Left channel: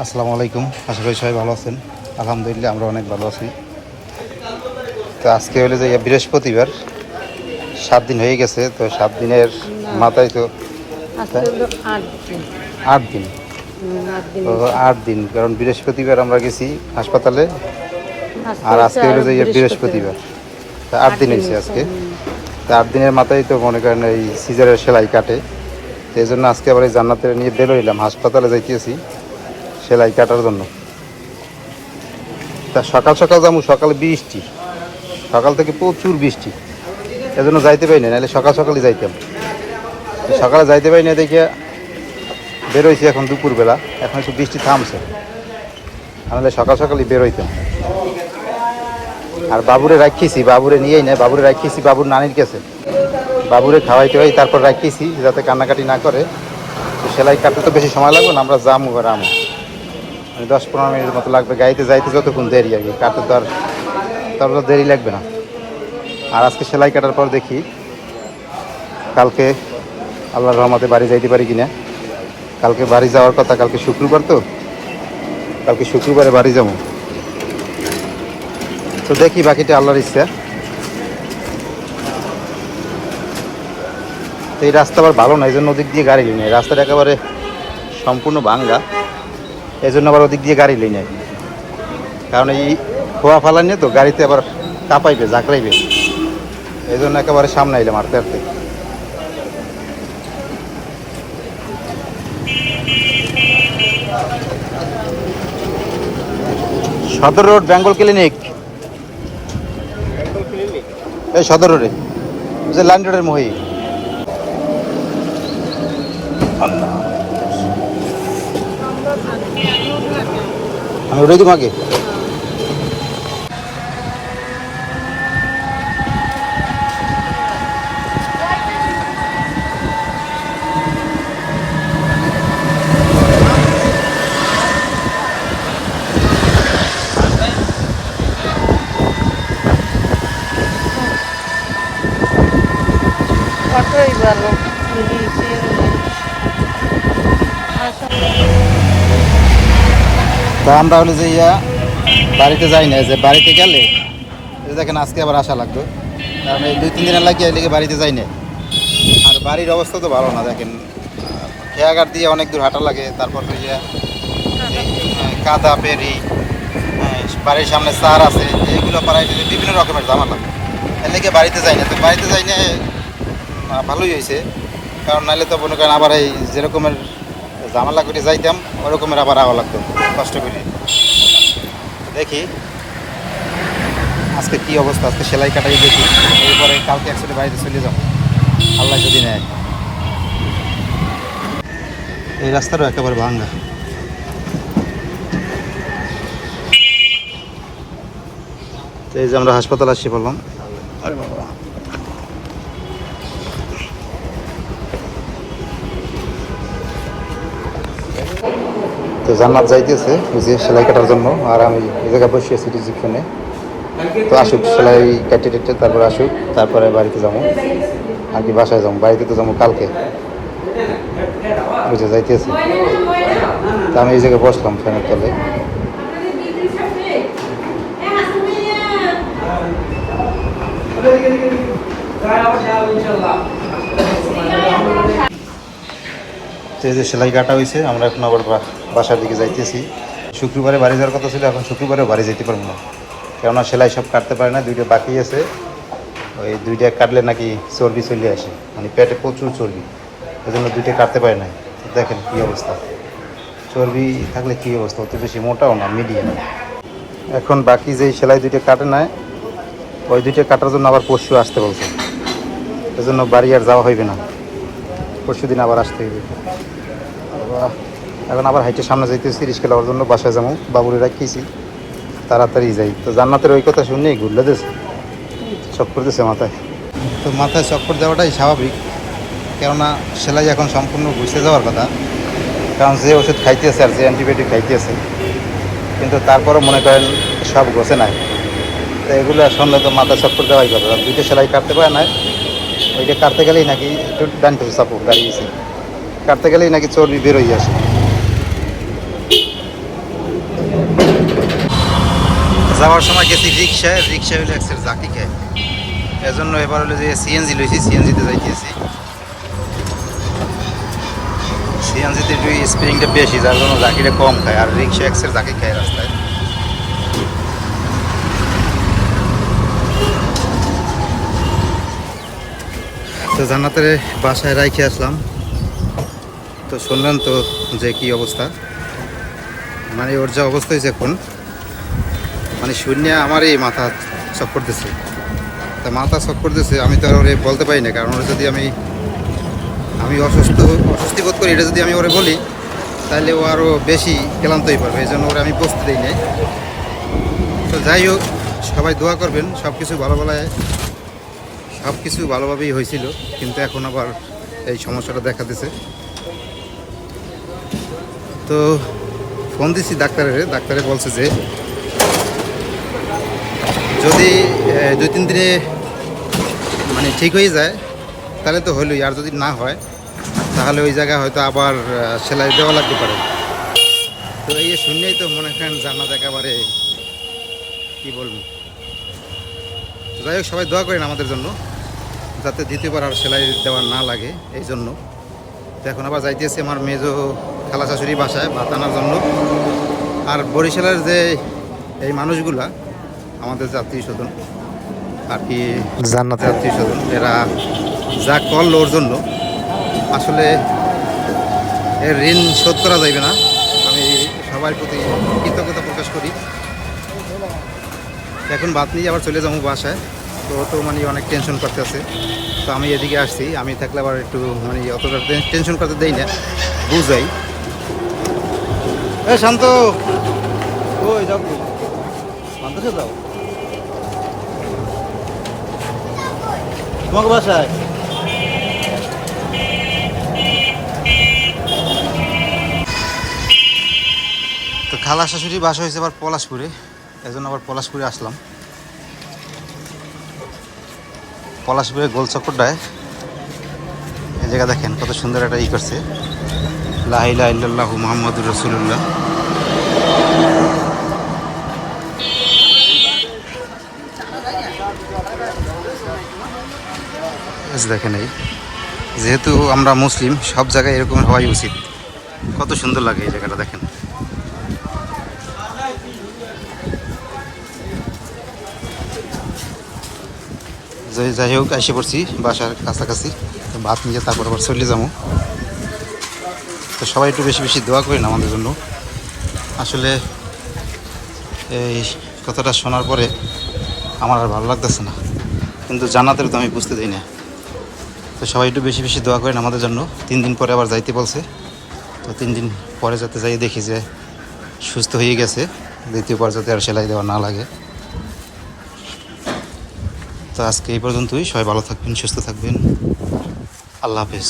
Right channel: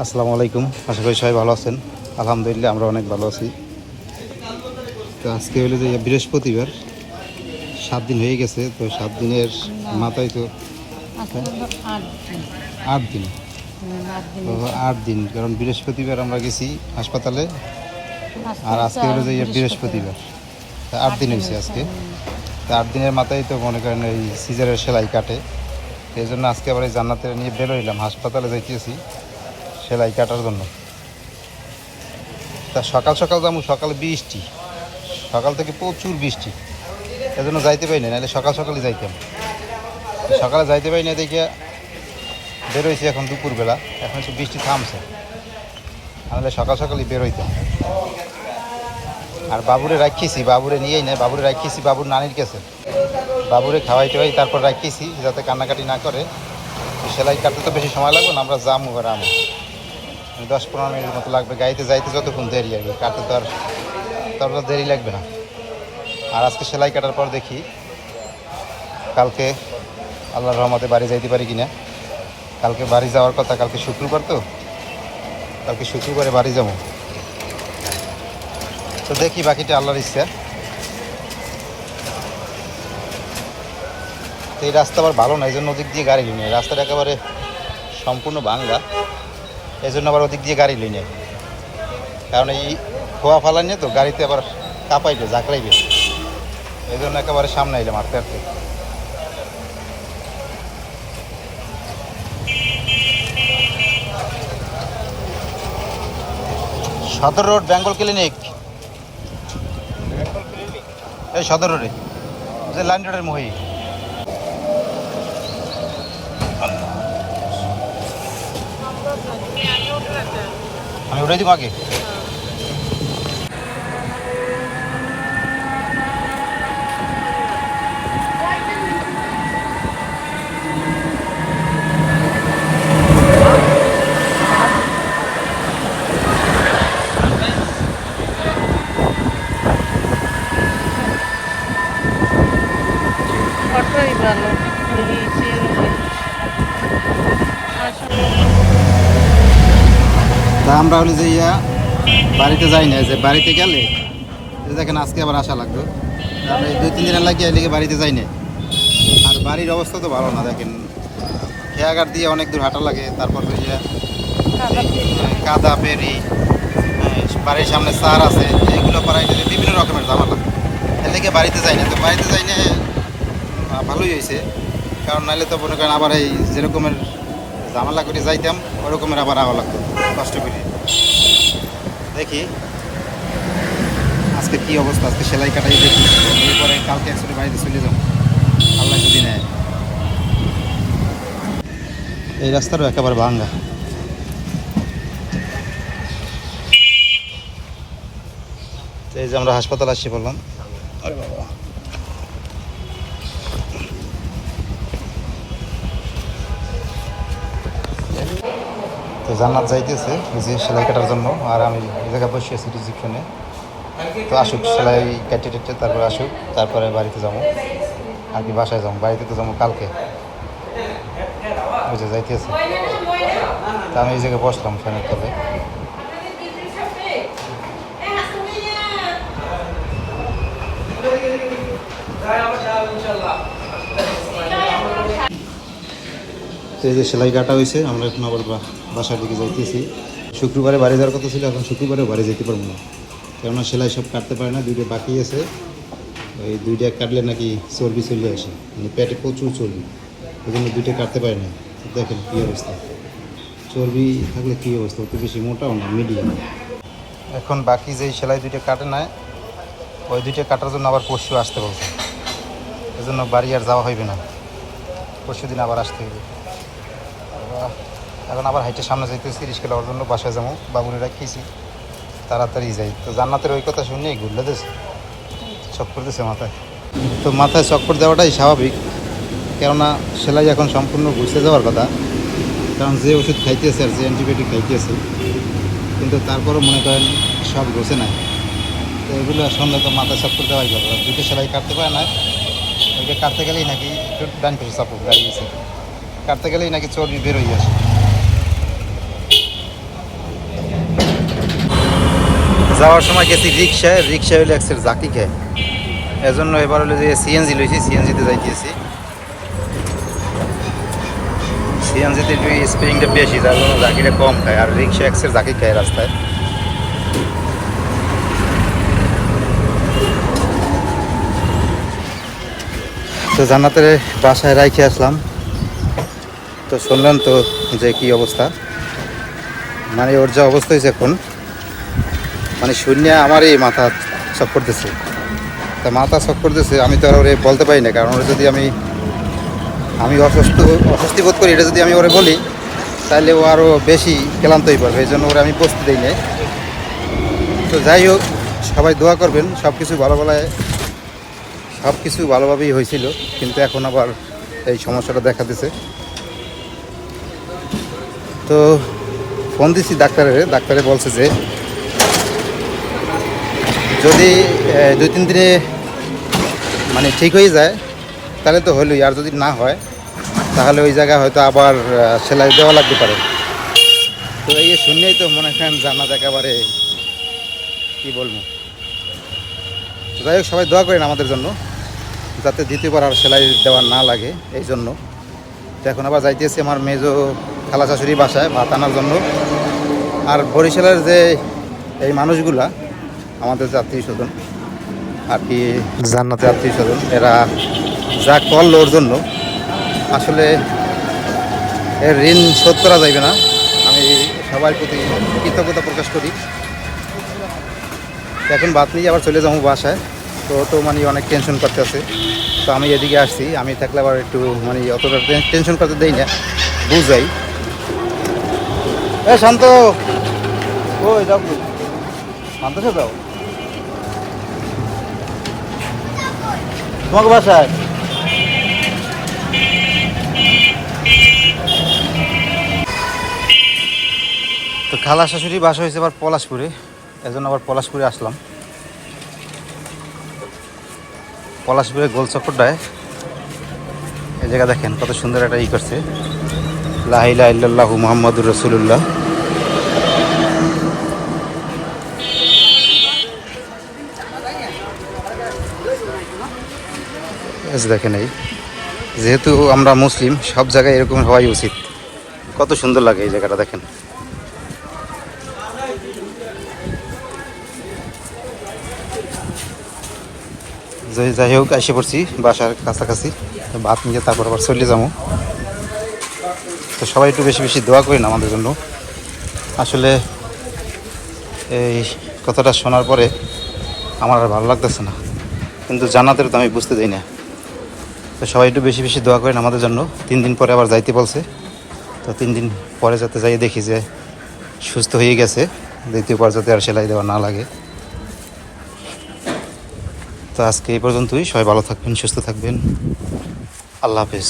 আসসালামু আলাইকুম, আশা করি সবাই ভালো আছেন। আলহামদুলিল্লাহ আমরা অনেক ভালো আছি। তো আজকে হলো যে বৃহস্পতিবার, 7 দিন হয়ে গেছে। তো 7 দিনের মাথায় তো আজকে হলো ৮ দিন। 8 দিন। ৮ দিন তো হয়েছে। 8 দিন, কারণ বৃহস্পতিবার আমরা গেছি হাসপাতালে, আর হচ্ছে আজকে হলো যে বৃহস্পতিবার। বৃহস্পতিবার। তো 8 দিন ৮ দিন হয়েছে হয়েছে। আজকে। তো 8 দিনের মাথায় তো মনে করেন এই সিজারের সেলাই কাটে। তো এই জন্য আজকে আবার এই জান্নাতে নিয়ে বের হইলাম, হাসপাতালে যাইতেছি সেলাই কাটার জন্য। তা সকাল সকাল যাবো, সকালে বৃষ্টি, সকাল থেকে প্রচুর বৃষ্টি, এজন্য যাইতে পারি না, নাহলে সকাল সকালই যাইতাম। সকালে যাইতে পারি না দেখে বেরোইছি এখন দুপুরবেলা, এখন একটু বৃষ্টি থামছে, নাহলে সকাল সকালই বেরোইতাম। আর বাবুরে রাখিয়েছি, বাবুরে নিয়েই নেয়, বাবুরে রাখিয়েছি বাবুর নানির কাছে। বাবুরে খাওয়াইতে হয়, তারপর রাখিয়েছি যাতে কান্নাকাটি না করে। তো সেলাই কাটতে তো বেশি সময় লাগবে না, আমরা যামু ঘরে আমু, 10-15 মিনিটের মতো লাগবে। গাড়িতে যাইতে যতক্ষণ দেরি আর কি, কাটতে তো আর তারপর দেরি লাগবে না। আর আজকে সেলাই কাটার পর দেখি কালকে আল্লাহর রহমতে বাড়ি যাইতে পারি কিনা। কালকে বাড়ি যাওয়ার কথা, কালকে শুক্রবার, তো কালকে শুক্রবারে বাড়ি যাবো। তো দেখি বাকিটা আল্লাহর ইচ্ছা। তো এই রাস্তা আবার ভালো না, এই জন্য ওদিক দিয়ে গাড়ি লই না, রাস্তাটা একেবারে সম্পূর্ণ ভাঙ্গা, এই জন্য আবার ওদিক দিয়ে গাড়ি লই না। কারণ এই খোয়া ফালা নিয়ে তো গাড়িতে আবার কাঁপাইবে, ঝাঁকড়াইবে, এই জন্য একেবারে সামনে আইলাম আর পেরতে। সদর রোড বেঙ্গল ক্লিনিক, এই সদর রোডে যে লাইন রোডের মহি। আমি উঠে দিব আগে। এতই ভালো। তা আমরা হলে যে বাড়িতে যাই না, যে বাড়িতে গেলে দেখেন আজকে আবার আসা লাগতো, কারণ এই 2-3 দিনের লাগিয়ে লেগে বাড়িতে যাই না। আর বাড়ির অবস্থা তো ভালো না, দেখেন খেয়াঘাট দিয়ে অনেক দূর হাঁটা লাগে, তারপর কাদা পেরি, বাড়ির সামনে সার আছে, এইগুলো পাড়াইতে বিভিন্ন রকমের ঝামেলা, এর লেগে বাড়িতে যাই না। তো বাড়িতে যাই না, ভালোই হয়েছে, কারণ নাহলে তো মনে করেন আবার এই যেরকমের ঝামেলা করে যাইতাম ওরকমের আবার আওয়া লাগতো কষ্ট করে। দেখি আজকে কি অবস্থা, আজকে সেলাই কাটাই দেখি, এরপরে কালকে একসাথে বাড়িতে চলে যাবো আল্লাহ যদি নেয়। এই রাস্তাটাও একেবারে ভাঙ্গা। তো এই যে আমরা হাসপাতাল আসছি বললাম। তো জান্নাত যাইতেছে ওই যে সেলাই কাটার জন্য, আর আমি এই জায়গায় বসে আছি রিসিপশনে। তো আসুক সেলাই কাটে টেটে, তারপরে আসুক, তারপরে বাড়িতে যাবো আর কি, বাসায় যাবো। বাড়িতে তো যাবো কালকে, বুঝে যাইতেছি। তো আমি এই জায়গায় বসলাম ফ্যানের তলে। তো এই যে সেলাই কাটা হয়েছে, আমরা এখন আবার বাসার দিকে যাইতেছি। শুক্রবারে বাড়ি যাওয়ার কথা ছিল, এখন শুক্রবারে বাড়ি যেতে পারবো না, কেননা সেলাই সব কাটতে পারে না, 2টা বাকি আছে। ওই 2টা কাটলে নাকি চর্বি চলে আসে, মানে পেটে প্রচুর চর্বি, ওই জন্য 2টা কাটতে পারে না। দেখেন কী অবস্থা, চর্বি থাকলে কী অবস্থা, অত বেশি মোটাও না, মিডিয়াম। এখন বাকি যেই সেলাই 2টা কাটে নেয়, ওই 2টা কাটার জন্য আবার পরশু আসতে বলছে, ওই জন্য বাড়ি আর যাওয়া হইবে না, পরশু দিন আবার আসতে হইবে। এখন আবার হাইটে সামনে যাইতেছি রিস্কা লওয়ার জন্য, বাসায় যাবো, বাবুরে রাখিয়েছি, তাড়াতাড়ি যাই। তো জান্নাতের ওই কথা শুনে ঘুরলে দিস চক্কর দিছে মাথায়। তো মাথায় চক্কর দেওয়াটাই স্বাভাবিক, কেননা সেলাই এখন সম্পূর্ণ ঘুষে যাওয়ার কথা, কারণ যে ওষুধ খাইতেছে আর যে অ্যান্টিবায়োটিক খাইতেছে, কিন্তু তারপরও মনে করেন সব ঘষে নাই। তো এগুলো সন্ধ্যে তো মাথা চক্কর দেওয়াই কথা। 2টা সেলাই কাটতে পারে না, ওইটা কাটতে গেলেই নাকি একটু ডান পাশে চাপো দাঁড়িয়েছি, কাটতে গেলেই নাকি চর্বি বেরোই আসে। যাওয়ার সময় গেছি রিক্সায় হইলে একসের জাকি খায়, এজন্য এবার হলো যে সিএনজি লইছি, সিএনজিতে যাইতেছি। সিএনজিতে একটু স্পিরিংটা বেশি, যার জন্য জাকিটা কম খায়, আর রিক্সা একসের জাকি খায় রাস্তায়। তো জান্নাতের বাসায় রাইখে আসলাম। তো শুনলাম তো যে কি অবস্থা, মানে ওর যা অবস্থা হয়েছে এখন, মানে শূন্য আমারই মাথা চক করতেছে। তা মাথা চক করতেছে, আমি তো আর ওরে বলতে পারি না, কারণ ওরে যদি আমি অস্বস্তি বোধ করি, এটা যদি আমি ওরে বলি তাহলে ও আরও বেশি ক্লান্ত হয়ে পড়বে, এই জন্য ওরে আমি বসতে দিই নাই। তো যাই হোক, সবাই দোয়া করবেন, সব কিছু ভালোভাবেই হয়েছিল, কিন্তু এখন আবার এই সমস্যাটা দেখা দিছে। তো ফোন দিছি ডাক্তারে বলছে যে যদি 2-3 দিনে মানে ঠিক হয়ে যায় তাহলে তো হলোই, আর যদি না হয় তাহলে ওই জায়গায় হয়তো আবার সেলাই দেওয়া লাগতে পারে। তো এই শুনলেই তো মনে করেন জানা একেবারে কি বলবো। তো যাই হোক, সবাই দোয়া করেন আমাদের জন্য, যাতে দ্বিতীয়বার আর সেলাই দেওয়া না লাগে, এই জন্য। তো এখন আবার যাইতেছি আমার মেজো খালা শাশুড়ি বাসায় ভাত আনার জন্য। আর বরিশালের যে এই মানুষগুলা, আমাদের যে আত্মীয় স্বজন আর কি, জান্নাতের আত্মীয় স্বজন, এরা যা করলো ওর জন্য, আসলে এর ঋণ শোধ করা যাইবে না। আমি সবার প্রতি কৃতজ্ঞতা প্রকাশ করি। এখন ভাত নিয়ে আবার চলে যাবো বাসায়। তো মানে অনেক টেনশন করতে আছে। তো আমি এদিকে আসছি, আমি থাকলে আবার একটু মানে অতটা টেনশন করতে দেই না, বুঝাই। শান্ত, ওই যাও, কই মানতেছে, যাও তোমাকে বাসায়। তো খালা শাশুড়ি বাসা হয়েছে আবার পলাশপুরে, এজন্য আবার পলাশপুরে আসলাম। পলাশপুরে গোল চক্করটায় এই জায়গা দেখেন কত সুন্দর একটা করছে, লা ইলাহা ইল্লাল্লাহু মুহাম্মাদুর রাসূলুল্লাহ। দেখেন, এই যেহেতু আমরা মুসলিম, সব জায়গায় এরকম হওয়াই উচিত। কত সুন্দর লাগে এই জায়গাটা দেখেন। যাই হোক, এসে পড়ছি বাসার কাছাকাছি। তো ভাত নিয়ে তারপর আবার চলে যাবো। তো সবাই একটু বেশি বেশি দোয়া করেন আমাদের জন্য। আসলে এই কথাটা শোনার পরে আমার আর ভালো লাগতেছে না, কিন্তু জান্নাতের তো আমি বুঝতে দিই না। তো সবাই একটু বেশি বেশি দোয়া করেন আমাদের জন্য। 3 দিন পরে আবার যাইতে বলছে। তো 3 দিন পরে যাতে যাই দেখি যে সুস্থ হয়ে গেছে, দ্বিতীয়বার যাতে আর সেলাই দেওয়া না লাগে। তো আজকে এই পর্যন্তই। সবাই ভালো থাকবেন, সুস্থ থাকবেন। আল্লাহ হাফেজ।